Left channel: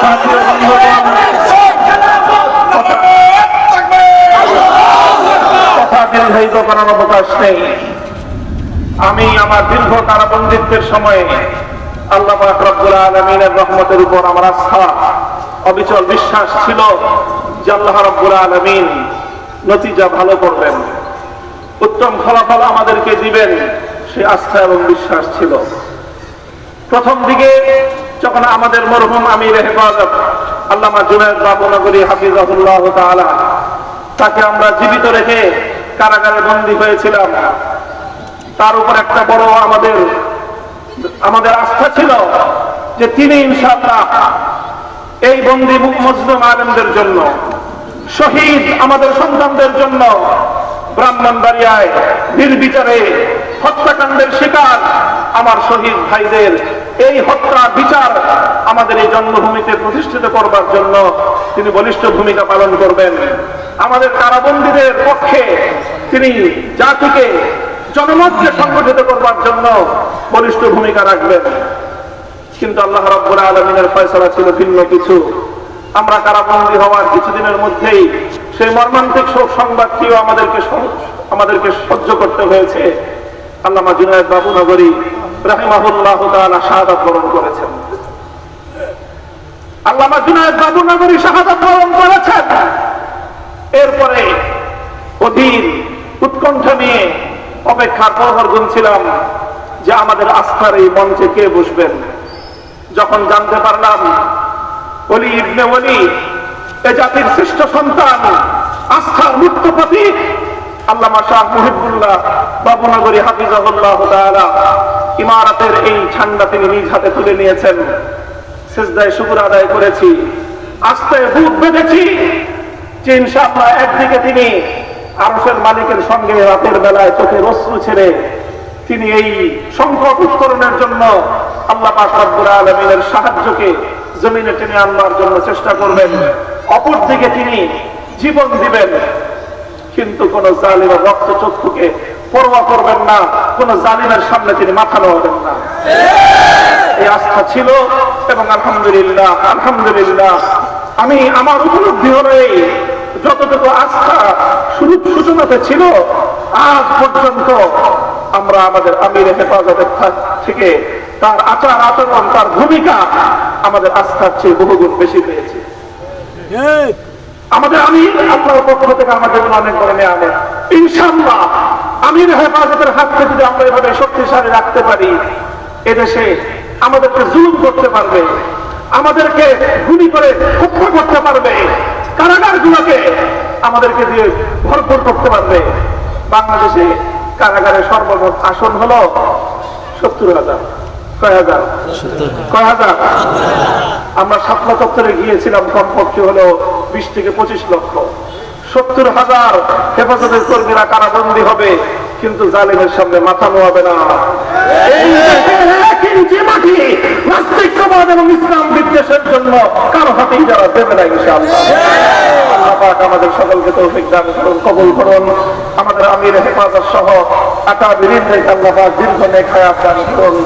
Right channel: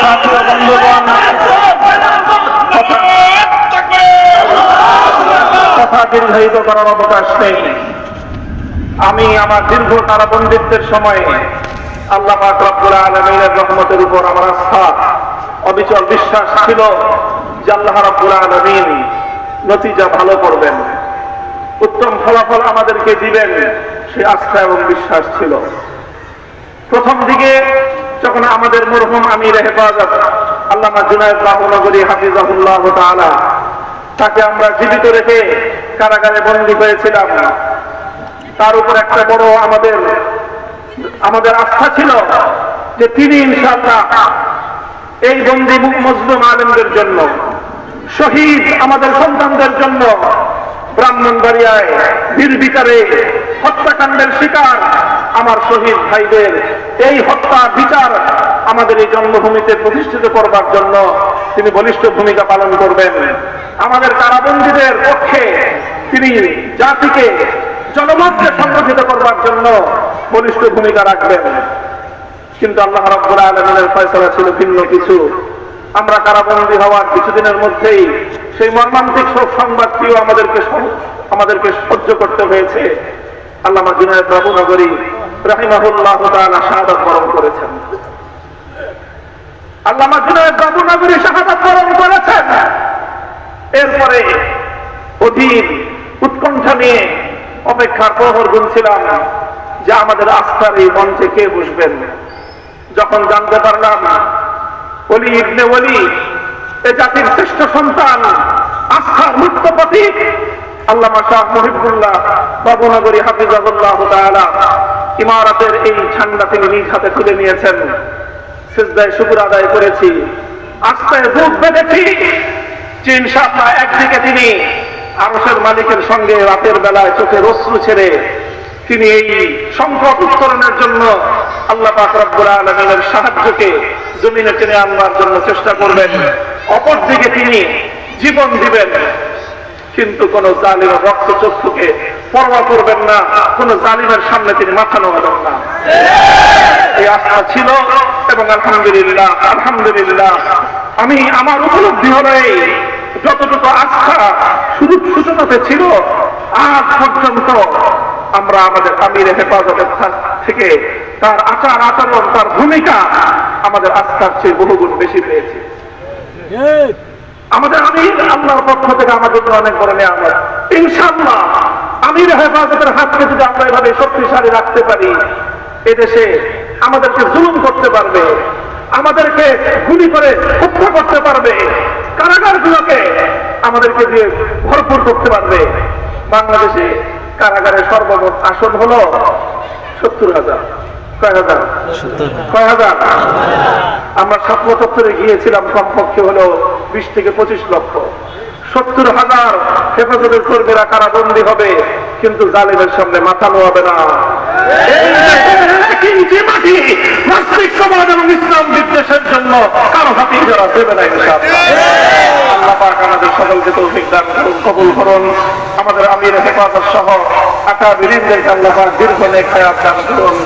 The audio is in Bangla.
সাথী ও বন্ধুগণ, কথা দীর্ঘায়িত করার অবকাশ নেই। আমি আমার দীর্ঘ কারাবন্দিত্বের সময় আল্লাহ পাক রব্বুল আলামিনের রহমতের উপর আমার আস্থা, অবিচল বিশ্বাস ছিল যে আল্লাহ রব্বুল আলামিন নতিজা ভালো করবেন, উত্তম ফলাফল আমাদেরকে দিবেন, সে আস্থা এবং বিশ্বাস ছিল। প্রথম দিকে যখন আমাদের মরহুম আমির হেফাজত আল্লামা জুনায়েদ বাবুনগরী হাফিজাহুল্লাহ তাআলা, তাকে আমরা জীবিত রেখে কারাগারে বন্দী হয়েছিলাম, তার উপর একটা বড় আমাদের আস্থা ছিল যে তিনি ইনশাআল্লাহ এই বন্দী মজলুম আলেমদের জন্য, শহীদ আমাদের সন্তানদের জন্য, ব্রাহ্মণবাড়িয়ায় নির্বিচারে হত্যাকাণ্ডের শিকার আমার শহীদ ভাইদের এই হত্যা বিচার আমাদের এই জন্মভূমিতে প্রতিষ্ঠিত করবার জন্য তিনি বলিষ্ঠ ভূমিকা পালন করবেন। আমাদের কারাবন্দীদের পক্ষে তিনি জাতিকে, জনমতকে সংগঠিত করবার জন্য বলিষ্ঠ ভূমিকা রাখবেন। কিন্তু আল্লাহ রাব্বুল আলামিনের ফয়সালা ছিল ভিন্ন কিছু। আমরা কারাবন্দী হওয়ার কিছুদিনের মধ্যেই সেই মর্মান্তিক শোক সংবাদটিও আমাদেরকে সহ্য করতে হয়েছে। আল্লামা জুনায়েদ বাবুনগরী রাহিমাহুল্লাহ তাআলা শাহাদাত বরণ করেছেন। আল্লামা জুনায়েদ বাবুনগরী শাহাদাত বরণ করেছেন। এরপরে অধীর উৎকণ্ঠা নিয়ে অপেক্ষার প্রহর গুনছিলাম যে আমাদের আস্থার এই মঞ্চে কে বসবেন। যখন জানতে পারলাম ওলি ইবনে ওলি, এ জাতির শ্রেষ্ঠ সন্তান, আস্থার মুক্ত প্রতীক আল্লামা শাহ মুহিবুল্লাহ বাবুনগরী হাফিজাহুল্লাহ তাআলা ইমারতের এই ঝান্ডা তিনি নিজ হাতে তুলে নিয়েছেন, সিজদায় শুকর আদায় করেছি, আস্থায় বুক বেঁধেছি যে ইনশাআল্লাহ একদিকে তিনি আরশের মালিকের সঙ্গে রাতের বেলায় চোখের অশ্রু ছেড়ে তিনি এই সংকট উত্তরণের জন্য আল্লাহ পাক রব্বুল আলামিনের সাহায্যকে জমিনে টেনে আনবার জন্য চেষ্টা করবেন। অপরদিকে তিনি জীবন দিবেন, কিন্তু কোন জালিমের রক্তচক্ষুকে পরোয়া করবেন না, কোন জালিমের সামনে তিনি মাথা নোয়াবেন না। এই আস্থা ছিল এবং আলহামদুলিল্লাহ আলহামদুলিল্লাহ আমি আমার উপলব্ধি হলো এই যতটুকু আস্থা শুরুর সূচনাতে ছিল, আজ পর্যন্ত আমরা আমাদের আমিরের হেফাজতের থেকে তার আচার আচরণ, তার ভূমিকা আমাদের আস্থার চেয়ে বহুগুণ বেশি পেয়েছি। আমাদের আমির আল্লাহর পক্ষ থেকে আমাদের অনেক বড় নিয়ামত। ইনশাআল্লাহ আমির হেফাজতের হাতকে যদি আমরা এভাবে শক্তিশালী রাখতে পারি, এদেশে আমাদেরকে জুলুম করতে পারবে, আমাদেরকে গুলি করে হত্যা করতে পারবে, কারাগারগুলোকে আমাদেরকে দিয়ে ভরপুর করতে পারবে। বাংলাদেশে কারাগারের সর্বমোট আসন হলো 70,000। কয় হাজার? আমরা স্বপ্ন চত্বরে গিয়েছিলাম, কমপক্ষে হলো 20 থেকে 25 লক্ষ। 70,000 হেফাজতের কর্মীরা কারাবন্দী হবে, কিন্তু জালিমের সামনে মাথা নোয়াবে না। নাস্তিক সমাজ এবং ইসলাম বিদ্বেষের জন্য কারো হাতেই যারা দেবে না ইনশাআল্লাহ। আল্লাহ পাক আমাদের সকলকে তৌফিক দান করুন, কবুল করুন। আমাদের আমির হেফাজত সহ আকাবিরিনদেরকে আল্লাহ পাক দীর্ঘ নেক হায়াত দান করুন।